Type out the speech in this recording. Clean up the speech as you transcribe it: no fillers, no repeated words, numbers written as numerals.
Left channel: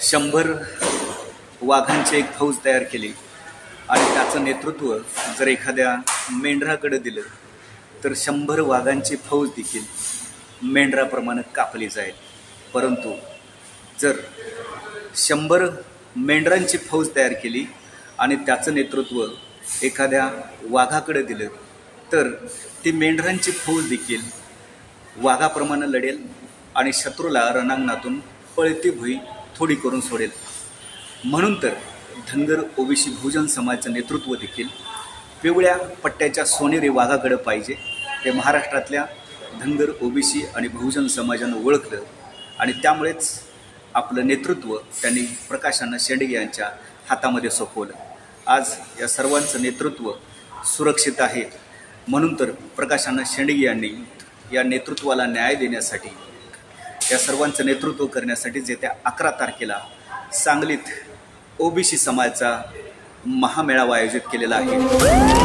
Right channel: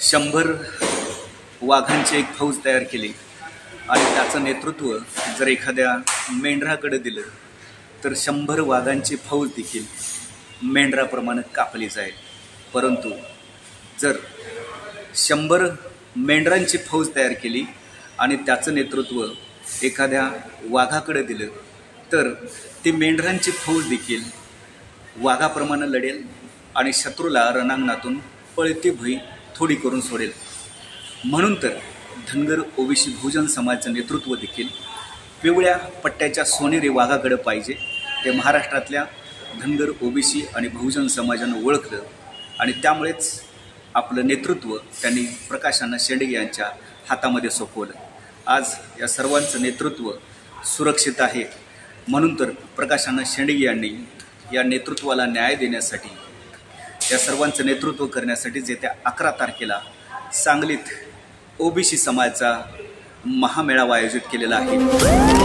100 वाघांची एक फौज तयार केली आणि त्याचं नेतृत्व जर एखाद्या मेंढराकडे दिलं तर 100 वाघांची फौज देखील मेंढराप्रमाणे कापली जाईल। परंतु जर 100 मेंढरांची फौज तयार केली आणि त्याचं नेतृत्व एखाद्या वाघाकडे दिलं तर ती मेंढरांची फौज देखील वाघाप्रमाणे लढेल आणि शत्रूला रणांगणातून पळती भुई थोडी करून सोडेल। म्हणून तर धनगर ओबीसी बहुजन समाजाचं नेतृत्व देखील पिवळ्या पट्ट्याच्या सोनेरी वाघाकडे पाहिजे। ते महाराष्ट्रातल्या धनगर ओबीसी आणि बहुजन समाजानं ओळखलं आणि त्यामुळेच आपलं नेतृत्व त्यांनी प्रकाश अण्णा शेंडगे यांच्या हातामध्ये सोपवलं। आज या सर्वांचं नेतृत्व सुरक्षित आहे। म्हणून तर प्रकाश अण्णा शेंडगे यांनी या नेतृत्वाला न्याय देण्यासाठी, या सर्वांचं नेतृत्व करण्यासाठी येत्या 11 तारखेला सांगलीत ओबीसी समाजाचा महामेळावा आयोजित केलेला आहे।